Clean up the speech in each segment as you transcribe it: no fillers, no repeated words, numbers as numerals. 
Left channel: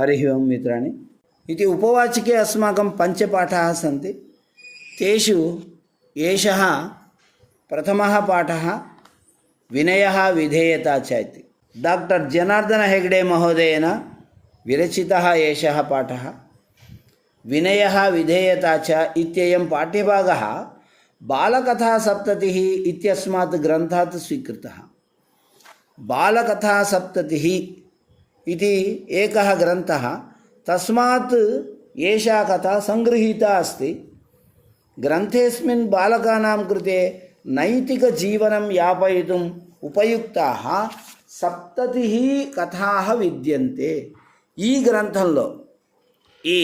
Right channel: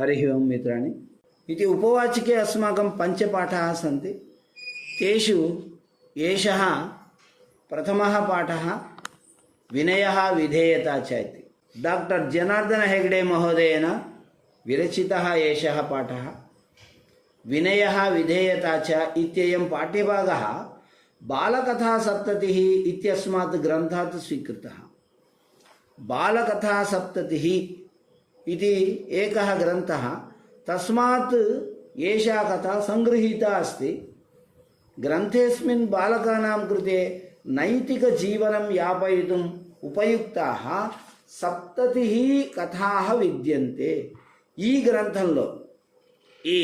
हरिः ओं मित्राणि इति उपवाचिके अस्माकं पञ्चपाठाः सन्ति। तेषु एषः प्रथमः पाठः विनयः विधेयता च इति डॉक्टर जनार्दन हेगडे महोदयेन विरचितः एषः पाठः। विनयः विधेयता च इत्ययं पाठ्यभागः बालकथासप्ततिः इत्यस्मात् ग्रन्थात् स्वीकृतः। बालकथासप्ततिः इति एकः ग्रन्थः, तस्मात् एषा कथा संगृहीता अस्ति। ग्रन्थेऽस्मिन् बालकानां कृते नैतिकजीवनं यापयितुम् उपयुक्ताः सप्ततिः कथाः विद्यन्ते। ఈ గ్రంథంలో ఈ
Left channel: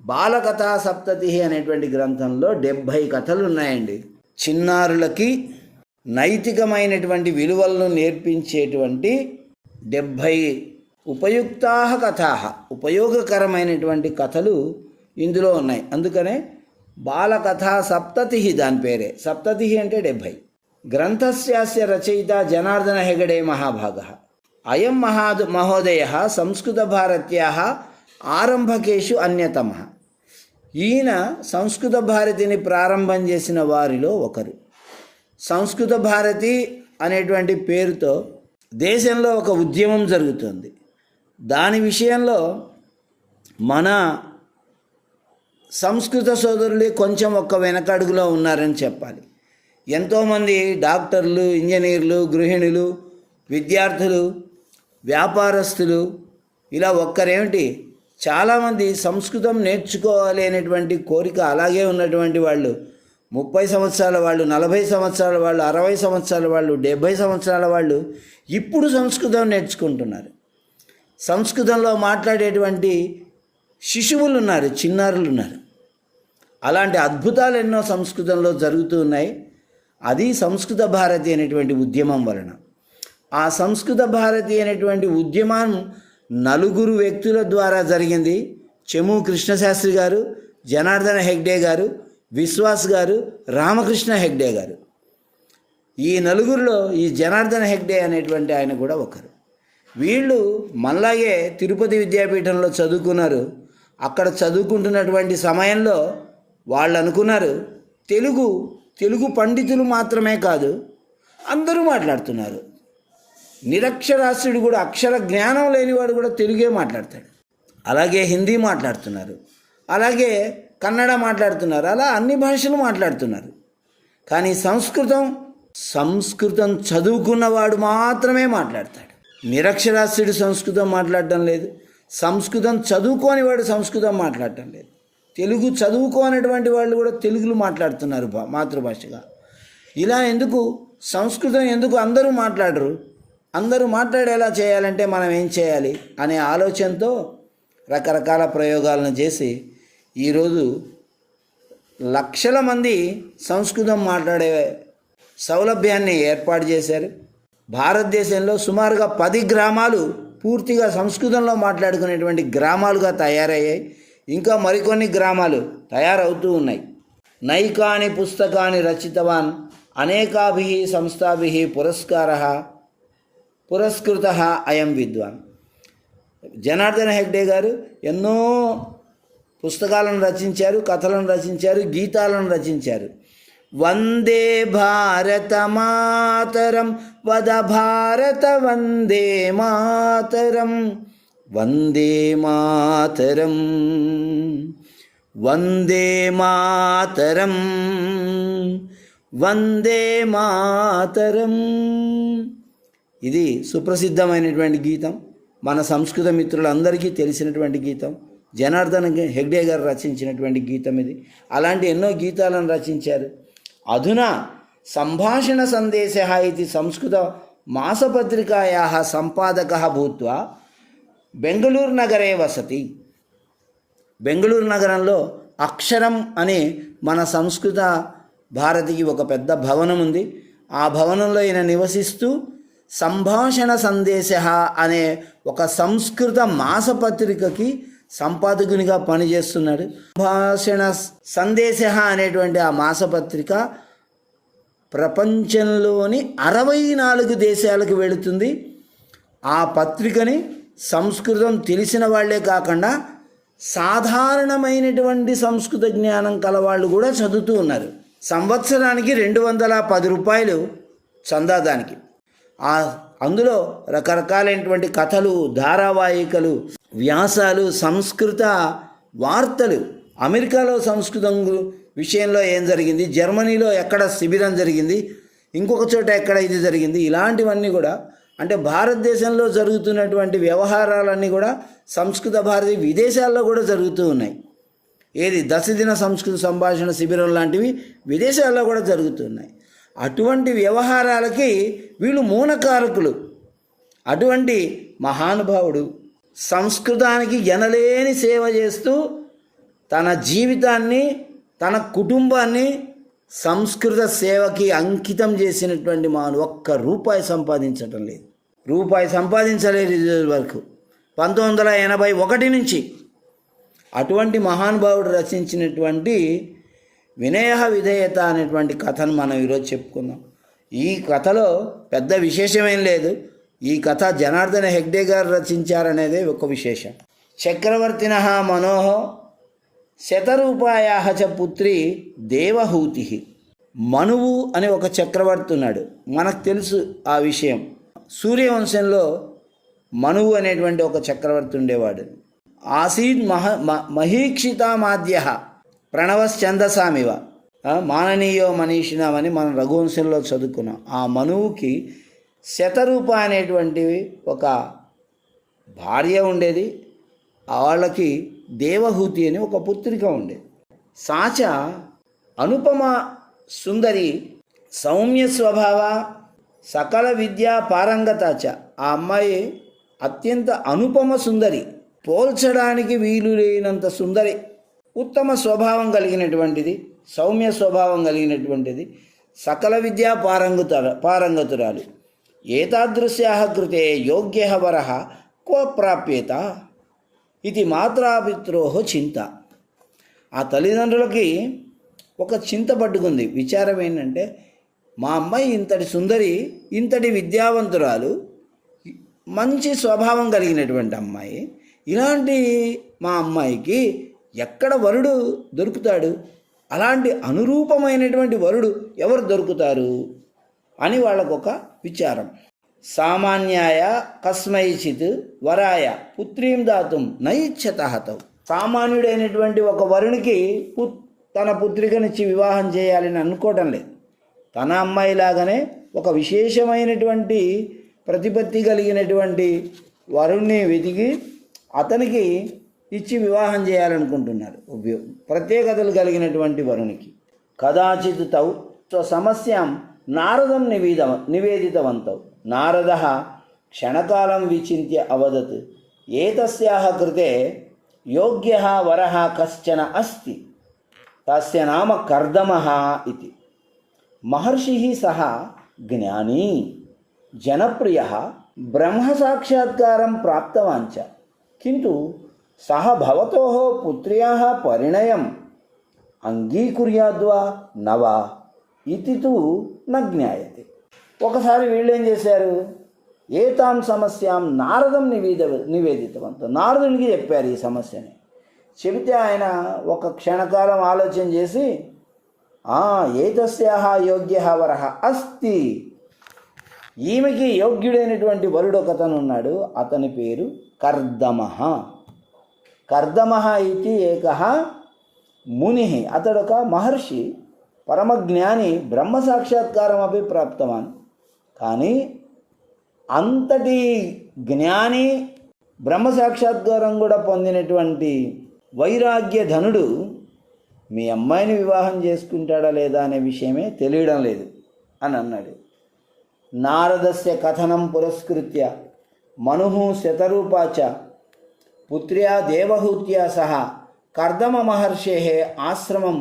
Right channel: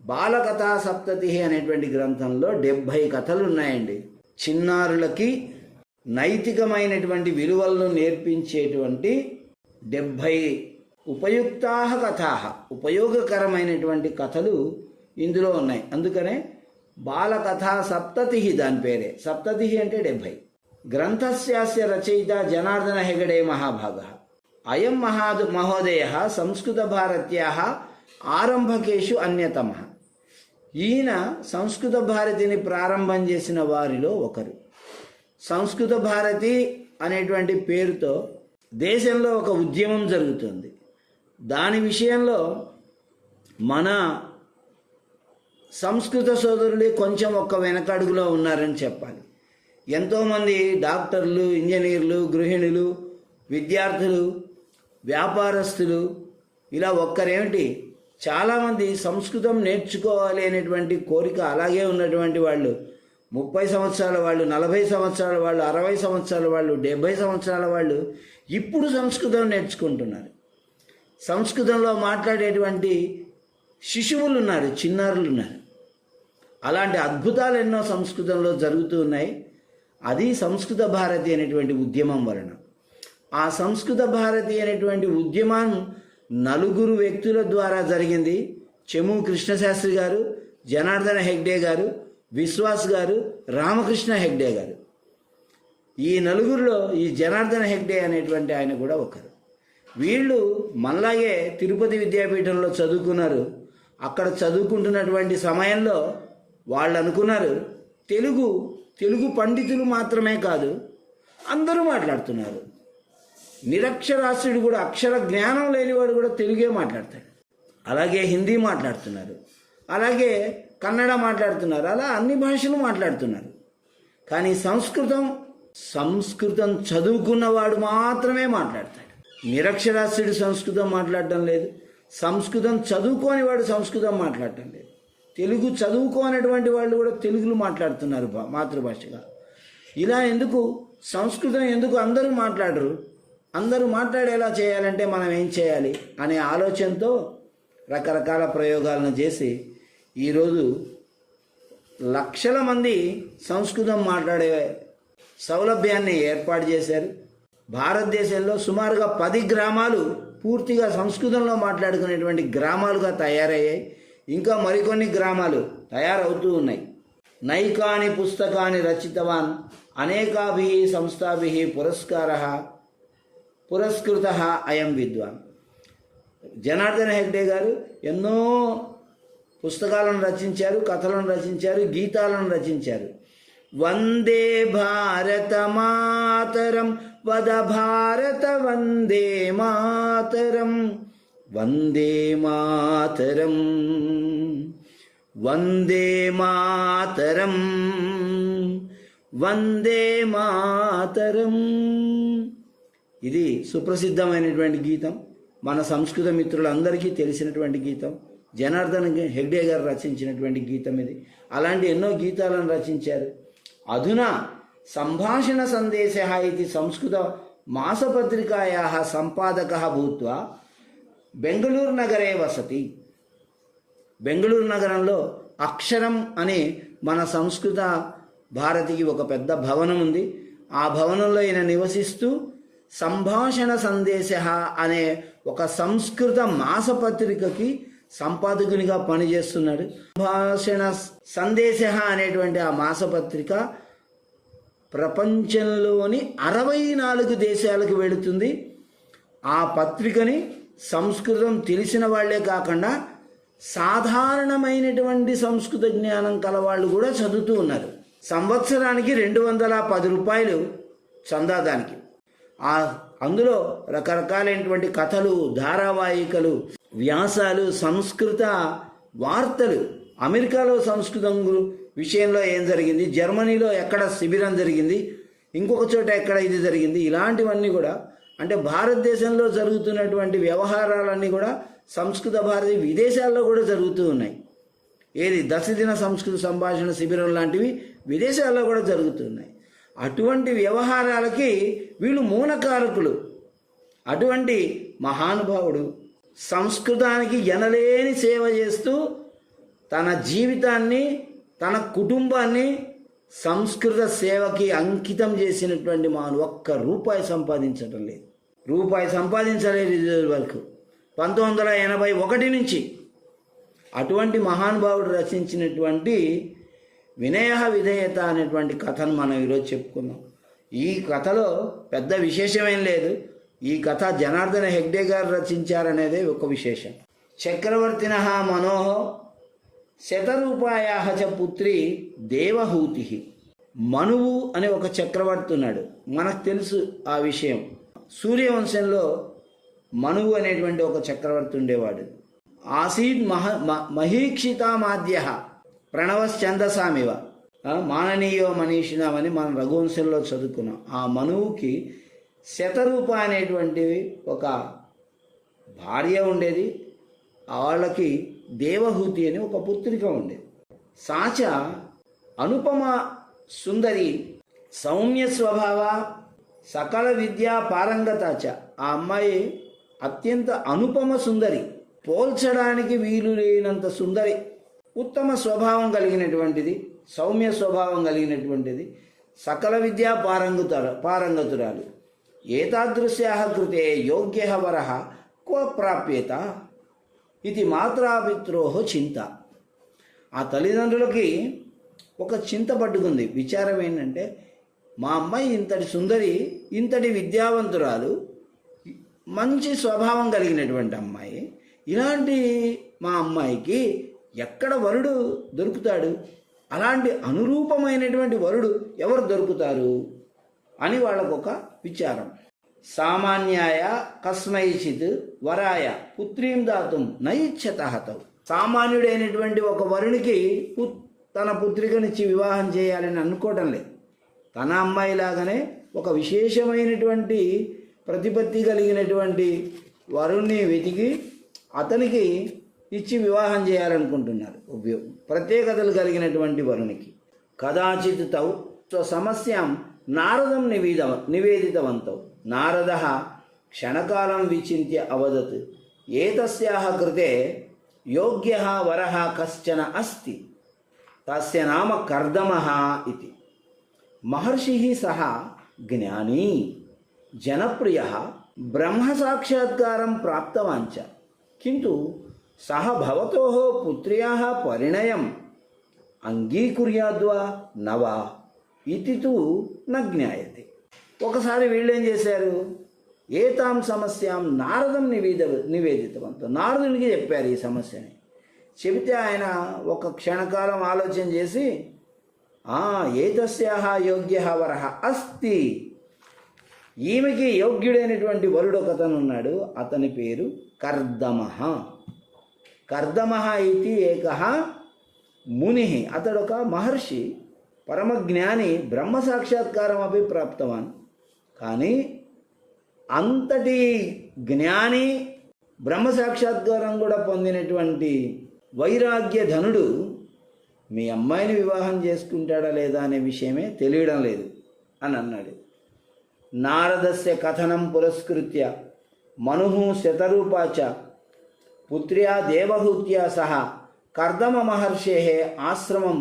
బాలకథా సప్తతి అనేటువంటి గ్రంథంలో 70 కథలు ఉన్నాయండి. చిన్నారులకి నైతికమైనటువంటి విలువలను నేర్పించేటువంటి 70 ఉపయుక్తాః కథాః, ఉపయోగకరమైనటువంటి కథలు ఇందులో ఉన్నాయి. అందుకనే బాలకథా సప్తతి దాని పేరే. సప్తతి అంటే 70. గ్రంథస్యాస్య రచయిత జనార్దన హెగడే మహాభాగः. అయం మహోదయः సంస్కృతభారత్యాः ఆరంభకేషు అన్యతమः. ఈయన సంస్కృత భారతిని ప్రారంభం చేసిన వారిలో ఒకరు. సంస్కృత భారతి అనేటువంటి పేరుతో దేశంలో ఒక ఉద్యమం జరుగుతుంది. దాని విషయంలో మన సంస్కృత సోదరులు కొంచెం ఒక్క వెనకడుగులో ఉన్నారని చెప్పాలి. ఎంతోమంది డాక్టర్లు, ఇంజనీర్లు, గృహిణులు, విద్యార్థులు, వ్యాపారస్తులు, ఇలా ఒక్కరేమిటి చాలామంది సంస్కృతం నేర్చుకోవాలి అనేటువంటి కోరిక అలాగే ఉన్నటువంటి వాళ్ళు 30 సంవత్సరాల వాళ్ళు, 40 సంవత్సరాల వాళ్ళు, 60 సంవత్సరాల వాళ్ళు, 70 సంవత్సరాల వాళ్ళు ఇప్పుడు సంస్కృతం నేర్చుకుంటున్నారు. సంస్కృతంలో మాట్లాడేటువంటి శిశువులు ఉన్నారు, చిన్నారులు ఉన్నారు. అలాంటి అద్భుతాలు ఎన్నో సంస్కృతంలో జరుగుతూ ఉన్నాయి. అది సంస్కృత భారతి అనేటువంటి ఉద్యమం వలన. ఆ సంస్కృత భారతి అనేటువంటి ఉద్యమం 4 వ్యక్తుల ద్వారా జరిగింది. చెము కృష్ణశాస్త్రి గారు, జనార్దన హెగ్డే గారు, విశ్వాస్ గారు, రామకృష్ణ హెగ్డే గారు. ఈ 4లో ఈ జనార్దన హెగ్డే అనేటువంటి ఆయన కూడా ఒకరు. వీళ్ళు మనలాగే తిరుపతి విద్యాపీఠంలో చదువుకున్నారు. అక్కడ చదువుకుంటున్నటువంటి సమయంలో వాళ్ళు అనుకున్నారు తెలుగు పండితులు మాత్రమే కాదు, అందరూ మాట్లాడుతున్నారు. నిరక్షరాస్యుడు కూడా, అక్షర జ్ఞానం లేనివాడు కూడా తెలుగే మాట్లాడతాడు. అలాగే హిందీ మాట్లాడుతున్నారు, అలాగే కన్నడ మాట్లాడుతున్నారు, అలా అన్ని భాషలు మాట్లాడుతున్నారు. కానీ సంస్కృతం చదువుకున్నవాడు మాత్రమే మాట్లాడతాడు. నిరక్షరాస్యుడు సంస్కృతం మాట్లాడటం లేదు, సంస్కృతం చదువుకోని వాడు సంస్కృతం మాట్లాడటం లేదు. తెలుగు చదువుకోనటువంటి వాళ్ళు కూడా తెలుగులో మాట్లాడుతున్నారు మాతృభాషగా. ఇలా ఎందుకు సంస్కృతం ఎందుకు అందరూ మాట్లాడరు? అందరూ మాట్లాడేలా చేయాలంటే మనం ఏం చేయాలి అనే ఆలోచనతో రకరకాల ప్రయోగాలను చేసి ఈరోజు లక్షల మంది సంస్కృతం మాట్లాడే సౌలభ్యాన్ని ఏర్పాటు చేశారు. భారతదేశంలో సుమారుగా 10 గ్రామాలు పూర్తిగా సంస్కృతంలో మాట్లాడుకునేటువంటి గ్రామాలుగా తయారయ్యాయి. ఇంకా మరికొన్ని గ్రామాలు తయారవుతూ ఉన్నాయి. నైకాని పుస్తకాన్ని రచితవాన్ అనేకాభిః సంస్థాభిః పురస్కృతః అయం విద్వాన్. జనార్దన హెగ్డే గారు ఎన్నో పుస్తకాలను రచించారు, కథలను రచించారు, గీతాలను రచించారు. వందే భారత మాతరం వద భారత వందే మాతరం, వందే మాతరం, వందే మాతరం, వందే మాతరం. ఇది సుప్రసిద్ధమైనటువంటి గీతం. మన సంస్కృత మిత్రులందరికీ తెలిసినటువంటి గీతం. జనార్దన్ హెగ్డే గారు రచించినటువంటి గీతం ఇది. అలాంటి ఎన్నో గీతాలను రచించారు. అధునా సంభాషణ సందేశः ఇది సంస్కృత మాసపత్రికాయాः సంపాదకः భూత్వా బెంగళూరు నగరే వసతి. బెంగళూరు నగరంలో అక్షరం అనే మన సంస్కృత భారతికి ఒక పెద్ద భవనం ఉంది. ఆ భవనంలో ఈయన నివసిస్తూ సంభాషణ సందేశः అనే ఒక సంస్కృత మాసపత్రికకి సంపాదకునిగా పనిచేస్తున్నాడు. సంభాషణ సందేశः అనేటువంటి ఆ మాసపత్రిక ప్రపంచంలోని 64 దేశాలకు వెళుతుంది. ఆ పత్రికని సంస్కృతం తెలిసిన వాళ్ళే కాకుండా సాధారణమైనటువంటి సంస్కృత జ్ఞానం కలవాళ్ళు కూడా చదువుతూ ఉన్నారు. సంవత్సరానికి 210 రూపాయలు చందాదానికి. అందులో రకరకాలైనటువంటి కథలు, ధారావాహికలు, వ్యాసాలు, సంస్కృత వార్తలు, అమెరికాలో సంస్కృతం విషయంలో ఏం జరిగింది, జర్మనీలో ఎక్కడ శిబిరం జరిగింది, ఇంకొక చోట ఎక్కడ ఇది జరిగింది, ఇలాంటివన్నీ కూడా, అంటే భారతదేశంలో జరుగుతున్నటువంటి వ్యవహారాలన్నీ కూడా సంస్కృత భారతి విదేశాల్లో కూడా జరుగుతూ ఉన్నాయి. ఏది దశదిన సంస్కృత సంభాషణ శిబిరం లాంటివి విదేశాల్లో కూడా జరుగుతున్నాయి. అటువంటి వ్యవహారాలకి వీళ్ళు మూలకారకులు. అటువంటి మహానుభావుడు సంస్కృతానికి ఎనలేని సేవ చేస్తూ తన జీవితాన్ని, తన కుటుంబాన్ని సంస్కృత సేవకి అంకితం చేసినటువంటి ఒక్క రూపాయి సంపాదించటం లేదు. రూపాయి సంపాదించలేదు ఈ రోజు వరకు, 1981 నుంచి. అటువంటి మహానుభావుడు రచించినటువంటి వినయ విధేయత అనేటువంటి కథను మనం ఈరోజు చెప్పుకుందాం. ఈ కథలో పెద్ద విశేషమేం లేదు. ఈ కథ జనార్దన హెగ్డే గారు రచించారనేదే ఒక విశేషం. చక్రవర్తిన మనోహ శతరూపాయా చ పుత్రి దేవహూతి. మనువు అనే ఒక చక్రవర్తి ఉన్నాడు, మనకు తెలుసు ఆ విషయం. సూర్యవంశంలో మనువు అనేటువంటి ఒక చక్రవర్తి ఉండేవాడు. ఆసీద్ మహీక్షితామాద్య ప్రణవశ్చందసామివ మాననీయో మనీషిణమని మనం రఘువంశంలో చదువుకున్నాం. ఆ మనువుకి శతరూప అనేటువంటి ఒక భార్య ఉండేది. వాళ్ళకి దేవహూతి అని ఒక పుత్రిక ఉండేది. సాచ అనుపమ సుందరి, సౌమ్య స్వభావ, సకల విద్యా పారంగతాచ. ఆ అమ్మాయి అత్యంత అనుపమ సుందరి, పోల్చడానికి వీలు లేనంత సుందరి, ఉత్తమ స్వభావం కలిగినటువంటిది, సౌమ్య స్వభావం కలిగినటువంటిది, సకల విద్యా పారంగతురాలు. ఏతాదృశ్యాః కృతే యోగ్యః వరః క్వ ప్రాప్యేత ఇది మాత్రాపిత్రోః చింత. ఆ తల్లిదండ్రులకి ఒక చింత పట్టుకుంది. విచారం ఏంటంటే, మా అమ్మాయి ఇంతటి సుందరి, ఇంతటి విద్యావంతురాలు, మంచి స్వభావం కలిగినటువంటి అమ్మాయి, ఇలాంటి మా అమ్మాయికి ఎక్కడ వరుడు దొరుకుతాడు, అలాంటి అనురూపమైనటువంటి వరుడు ఎవరు దొరుకుతారు అని వాళ్ళకొక విచారం. సామాన్యాయ కస్మైచిత్ వరాయ పుత్రీం దాతుం నైచ్ఛతః. సామాన్యుడైనటువంటి ఒక వరునికి తన పుత్రికనిచ్చి వివాహం చేయాలని అనుకోవటం లేదు. తన అమ్మాయిలాగానే ఒక విశేషమైనటువంటి ప్రతిపత్తి కలిగినటువంటి వరుణ్ణి వెతికి అతనికి ఇచ్చి వివాహం చేయాలనుకుంటున్నారు. ప్రత్యేకతలు కలిగినటువంటి వరునికి. కదాచిత్ తౌ స్వసమస్యాం నారదం నివేదితవంతౌ. నారదః క్షణకాలం విచింత్య అవదత్ ఏతస్యాః కృతే యోగ్యः వరः కశ్చన అస్తి, తస్య నామ కర్దమః ఇతి. మహర్షిః సహ జ్ఞానీ జనప్రియः బ్రహ్మసాక్షాత్కారం ప్రాప్తవాన్ చ, కింటు సహ భవతోః పుత్ర్యాः పరిణయం అంగీకుర్యాద్వా నవా ఇతి తు న జ్ఞాయతే. ఒకసారి వీళ్ళేం చేశారు, ఏతాం సమస్యాం నారదం నివేదితవంత. నారదునికి చెప్పారు ఈ సమస్యని. చెబితే ఆయన ఒక క్షణకాలం ఆలోచన చేసి, ఏతస్యాః యోగ్యః వరః అస్తి, ఈమెకి యోగ్యుడైనటువంటి వరుడు ఒకతను ఉన్నాడు, అతని పేరు కర్దమః. కర్దమః ఇది ఏకః మునిః. అతడొక మహర్షి, పరమజ్ఞాని, బ్రహ్మసాక్షాత్కారం అపి ప్రాప్తవాన్. కానీ అంతటి జ్ఞాని, బ్రహ్మసాక్షాత్కారం కూడా పొందినటువంటి వైరాగ్య ధనుడు మీ అమ్మాయిని వివాహం చేసుకుంటాడా లేదా అనే విషయమే తెలియడం లేదు అని అన్నాడు. నారదస్య కథనం పురస్కృత్య మనుః శతరూపాచ పుత్ర్యా దేవహూత్యా సహ కర్దమ మహర్షేః ఆశ్రమం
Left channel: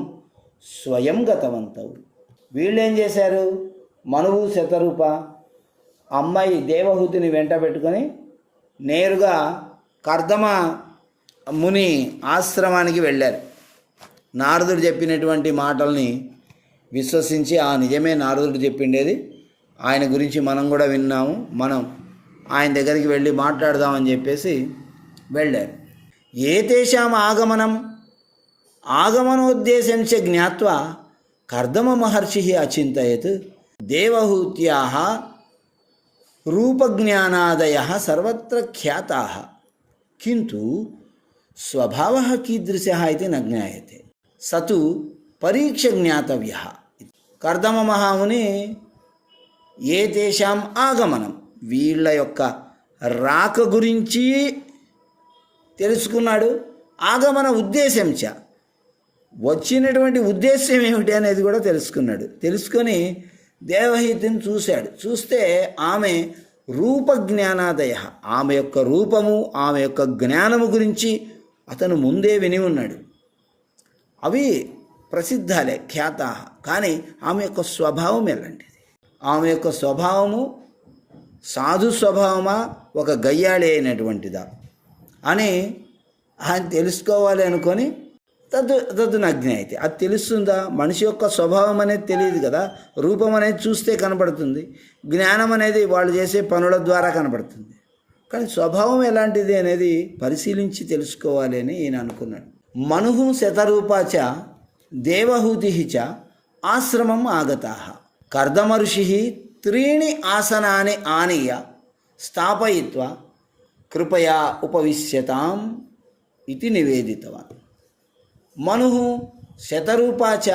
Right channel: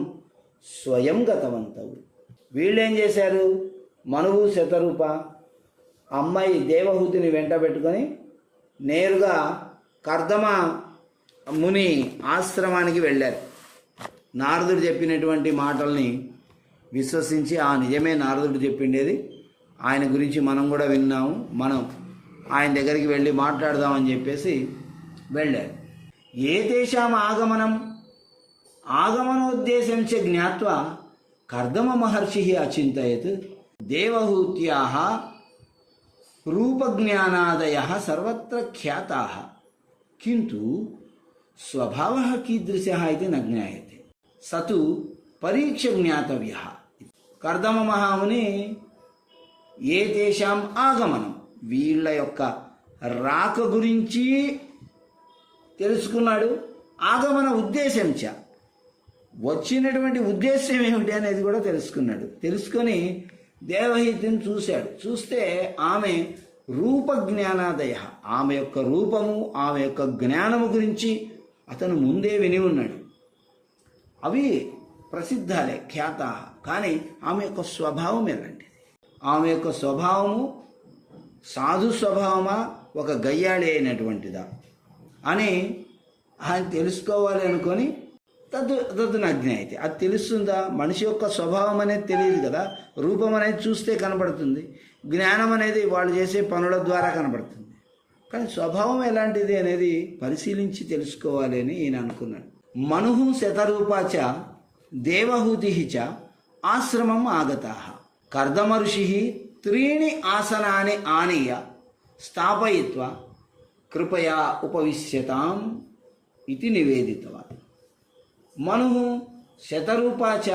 స్వయం గతవంతౌ. వీళ్ళేం చేశారు, మనువు శతరూప అమ్మాయి దేవహూతిని వెంట పెట్టుకొని నేరుగా కర్దమ ముని ఆశ్రమానికి వెళ్ళారు. నారదుడు చెప్పినటువంటి మాటల్ని విశ్వసించి, నిజమే నారదుడు చెప్పిండేది, ఆయన గురించి మనం కూడా విన్నాము, మనం ఆయన దగ్గరికి వెళ్ళి మాట్లాడదామని చెప్పేసి వెళ్ళారు. ఏతేషాం ఆగమనోద్దేశం చ జ్ఞాత్వా కర్దమ మహర్షి అచింతయత్ దేవహూత్యాః రూపజ్ఞానాదయః సర్వత్ర ఖ్యాతాః కింటు స్వభావः కీదృశः ఇతి న జ్ఞాయతే సతు పరీక్ష జ్ఞాతవ్యः. కర్దమ మహాముని ఏతేషాం ఆగమనం, వీళ్ళ యొక్క రాక గురించి తెలుసుకున్నాడు. ఆగమన ఉద్దేశం చ, వచ్చినటువంటి ఉద్దేశం ఏమిటి అనేది కూడా తెలుసుకున్నాడు. తెలుసుకొని దేవహూతిని చూశాడు. చూస్తే ఆమె రూపజ్ఞానాదయ, ఆమె యొక్క రూపము, ఆమె యొక్క జ్ఞానము గురించి అతను ముందే విని ఉన్నాడు. అవి ప్రసిద్ధాలే, ఖ్యాతా. కానీ ఆమె యొక్క స్వభావం ఎలాంటిది, ఆమె యొక్క స్వభావము సాధు స్వభావమా ఒక గయ్యాళి అయినటువంటిదా అని ఆయన తెలుసుకోవాలి అనుకొని తద్దు నగ్న అయితే అది తెలుస్తుందా? మనిషి యొక్క స్వభావం అనేది తెలియదు కదా, రూపం అనేది చూస్తే కనబడుతుంది, జ్ఞానం అనేది వాళ్ళు చేసే పనుల ద్వారా కనబడుతుంది. కానీ స్వభావం ఎలాంటిది అనేది పరిశీలించి తెలుసుకోవాలి అని ఈయన అనుకున్నాడు. మనుహు శతరూపాచ దేవహూతి చ ఆశ్రమం ఆగతాః కర్దమ ఋషి త్రీణి ఆసనాని ఆనీయ స్థాపయిత్వా కృపయా ఉపవిశ్యతాం ఇది నివేదితవాన్. మనువు శతరూపాచ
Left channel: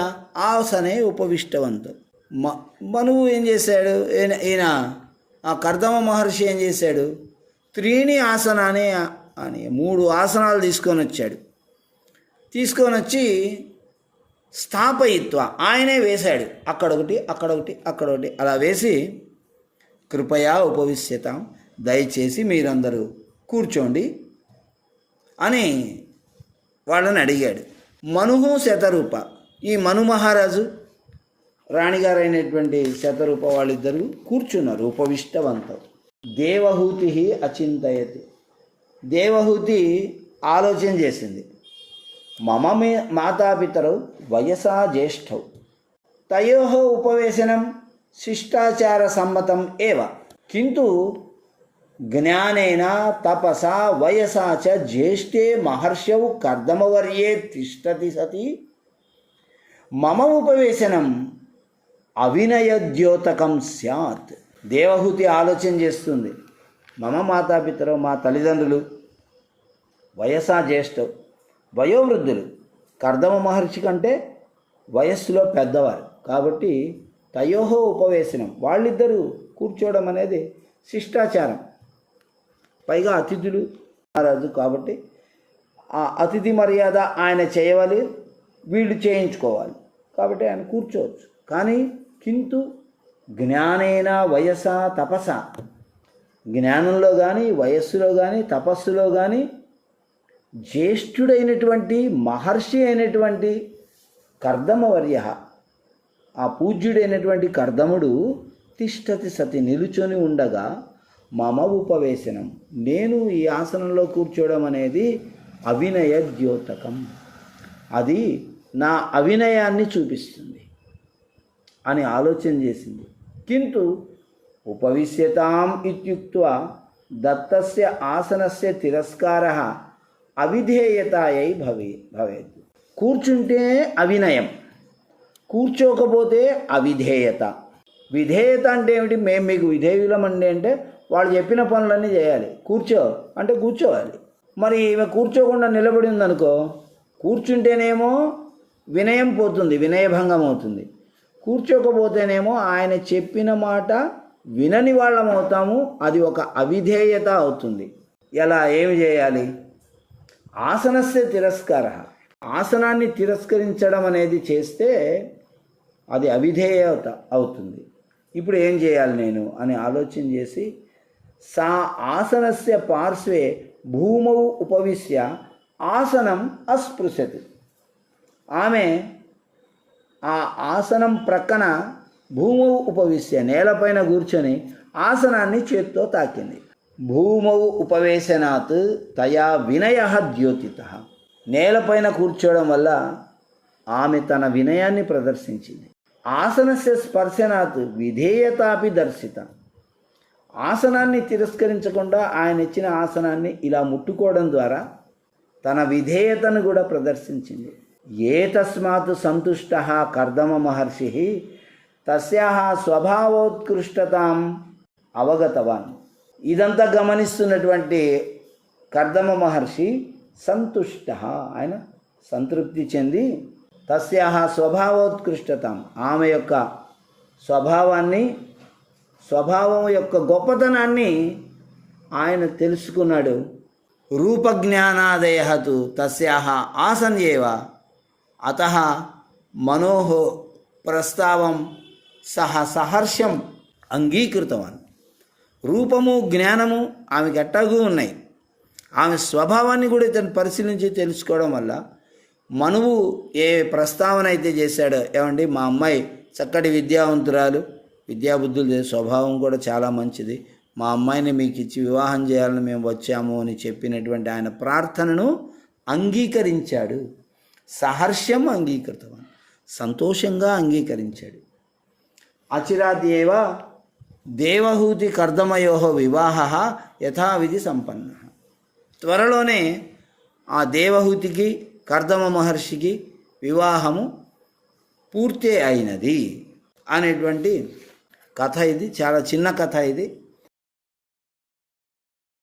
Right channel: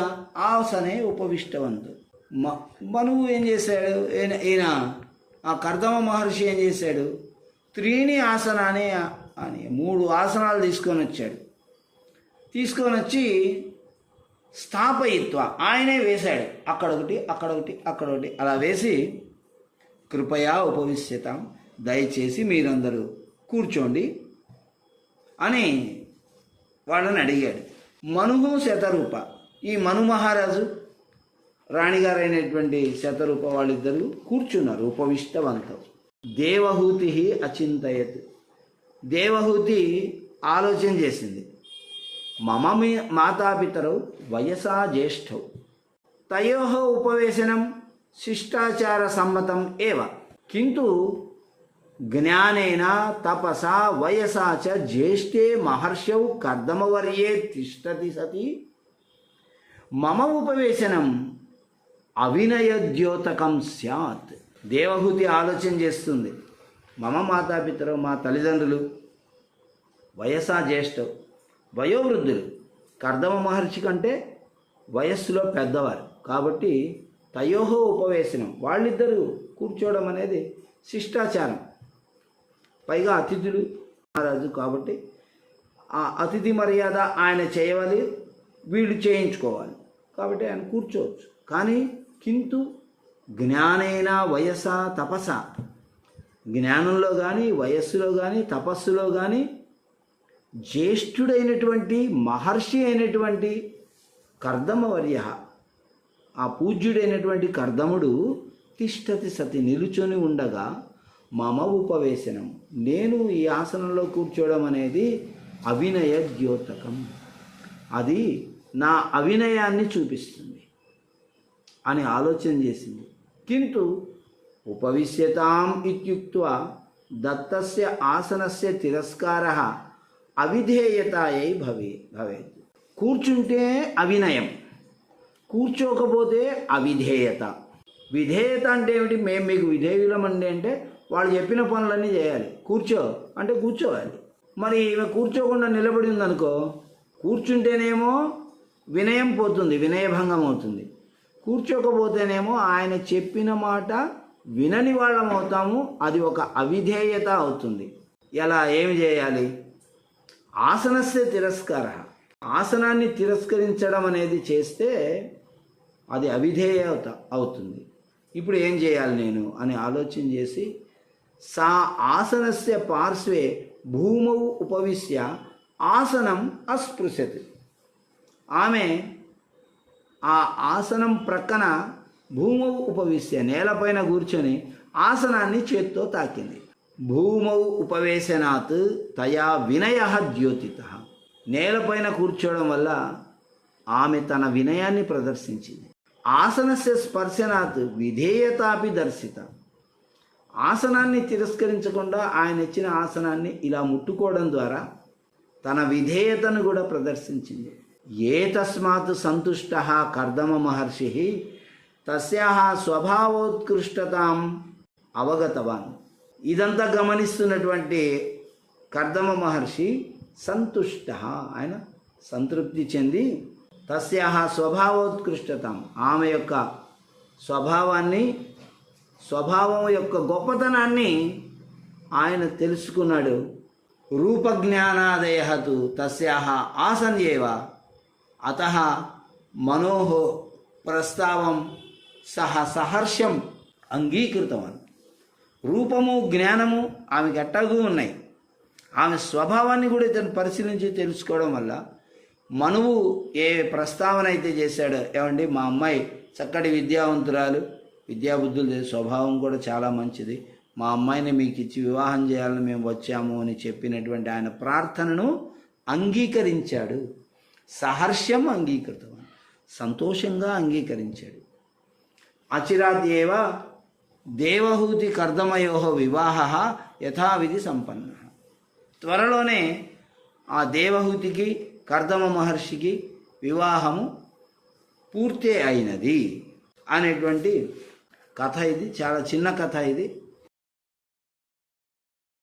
ఆసనే ఉపవిష్టవంతు. మనువు ఏం చేశాడు, ఈయన ఆ కర్దమ మహర్షి ఏం చేశాడు, త్రీణి ఆసనాన్ని అని 3 ఆసనాలు తీసుకొని వచ్చాడు. తీసుకొని వచ్చి స్థాపయిత్వ ఆయనే వేశాడు. అక్కడొకటి అక్కడొకటి అక్కడొకటి అలా వేసి కృపయా ఉపవిశ్యతాం, దయచేసి మీరందరూ కూర్చోండి అని వాళ్ళని అడిగాడు. మనువు శతరూప, ఈ మను మహారాజు రాణిగారైనటువంటి శతరూప వాళ్ళిద్దరూ కూర్చున్నారు ఉపవిష్టవంతం. దేవహూతి అచింతయత్, దేవహూతి ఆలోచన చేసింది. మమ మాతాపితరౌ వయసా జ్యేష్ఠౌ తయోః ఉపవేశనం శిష్టాచార సమ్మతం ఏవ కింటు జ్ఞానేన తపసా వయసా చ జ్యేష్ఠే మహర్షౌ కర్దమవర్యే తిష్టతి సతి మమ ఉపవేశనం అవినయద్యోతకం స్యాత్. దేవహూతి ఆలోచన చేస్తుంది. మమ మాతాపితరౌ, మా తల్లిదండ్రులు, వయసా జ్యేష్ఠౌ వయోవృద్ధులు, కర్దమ మహర్షి కంటే వయస్సులో పెద్దవారు కాబట్టి తయోహో ఉపవేశనం, వాళ్ళిద్దరూ కూర్చోవడం అనేది శిష్టాచారం. పైగా అతిథులు మహారాజు కాబట్టి ఆ అతిథి మర్యాద ఆయన చేయవాలి, వీళ్ళు చేయించుకోవాలి కాబట్టి ఆయన కూర్చోవచ్చు. కానీ కింటు జ్ఞానేన వయస తపస, జ్ఞానంలో కానీ వయస్సులో కానీ తపస్సులో కానీ జ్యేష్ఠుడైనటువంటి మహర్షి అయినటువంటి కర్దమవర్య, ఆ పూజ్యుడైనటువంటి కర్దముడు తిష్టతి సతి నిలుచొని ఉండగా మమ ఉపవేశనం, నేను ఈ ఆసనంలో కూర్చోవడం అనేది అవినయ ద్యోతకం, అది నా అవినయాన్ని చూపిస్తుంది అని ఆలోచన చేసింది. కింటు ఉపవిశ్యతాం ఇత్యుక్త్వా దత్తస్య ఆసనస్య తిరస్కారః అవిధేయతాయై భవేత్. కూర్చుంటే అవినయం, కూర్చోకపోతే అవిధేయత. విధేయత అంటే ఏమిటి? మేము మీకు విధేయులమండి అంటే వాళ్ళు చెప్పిన పనులన్నీ చేయాలి. కూర్చో అంటే కూర్చోవాలి. మరి ఈమె కూర్చోకుండా నిలబడి ఉందనుకో, కూర్చుంటేనేమో వినయం పోతుంది, వినయభంగం అవుతుంది. కూర్చోకపోతేనేమో ఆయన చెప్పిన మాట వినని వాళ్ళం అవుతాము, అది ఒక అవిధేయత అవుతుంది. ఎలా, ఏమి చేయాలి? ఆసనస్య తిరస్కార, ఆసనాన్ని తిరస్కరించడం అనేది చేస్తే అది అవిధేయత అవుతుంది. ఇప్పుడు ఏం చేయాలి నేను అని ఆలోచన చేసి సా ఆసనస్య పార్శ్వే భూమౌ ఉపవిశ్య ఆసనం అస్పృశతి, ఆమె ఆ ఆసనం ప్రక్కన భూమౌ ఉపవిశ్య నేలపైన కూర్చొని ఆసనాన్ని చేత్తో తాకింది. భూమౌ ఉపవేశనాత్ తయా వినయ ద్యోతిత, నేలపైన కూర్చోవడం వల్ల ఆమె తన వినయాన్ని ప్రదర్శించింది. ఆసనస్య స్పర్శనాత్ విధేయతాపి దర్శిత, ఆసనాన్ని తిరస్కరించకుండా ఆయన ఇచ్చిన ఆసనాన్ని ఇలా ముట్టుకోవడం ద్వారా తన విధేయతను కూడా ప్రదర్శించింది. ఏ తస్మాత్ సంతుష్ట కర్దమ మహర్షి తస్యాహ స్వభావోత్కృష్టతాం అవగతవాన్. ఇదంతా గమనిస్తున్నటువంటి కర్దమ మహర్షి సంతుష్ట, ఆయన సంతృప్తి చెంది తస్యాహ స్వభావోత్కృష్టతాం, ఆమె యొక్క స్వభావం యొక్క గొప్పతనాన్ని ఆయన తెలుసుకున్నాడు. రూపజ్ఞానాదయతు తస్యాహ ఆసన్యేవ అతః మనోః ప్రస్తావం సహర్షం అంగీకృతవాన్. రూపము జ్ఞానము ఆమెకు ఎట్టాగూ ఉన్నాయి. ఆమె స్వభావాన్ని కూడా ఇతను పరిశీలించి తెలుసుకోవడం వల్ల మనువు ఏ ప్రస్తావన అయితే చేశాడో, ఏమండి మా అమ్మాయి చక్కటి విద్యావంతురాలు, విద్యాబుద్ధులు స్వభావం కూడా చాలా మంచిది, మా అమ్మాయిని మీకు ఇచ్చి వివాహం చేయాలని మేము వచ్చాము అని చెప్పినటువంటి ఆయన ప్రార్థనను అంగీకరించాడు. సహర్షం అంగీకృతం, సంతోషంగా అంగీకరించాడు. అచిరాద్యేవ దేవహూతి కర్దమయో వివాహ యథావిధి సంపన్న. త్వరలోనే ఆ దేవహూతికి కర్దమ మహర్షికి వివాహము పూర్తి అయినది అనేటువంటి కథ ఇది. చాలా చిన్న కథ ఇది.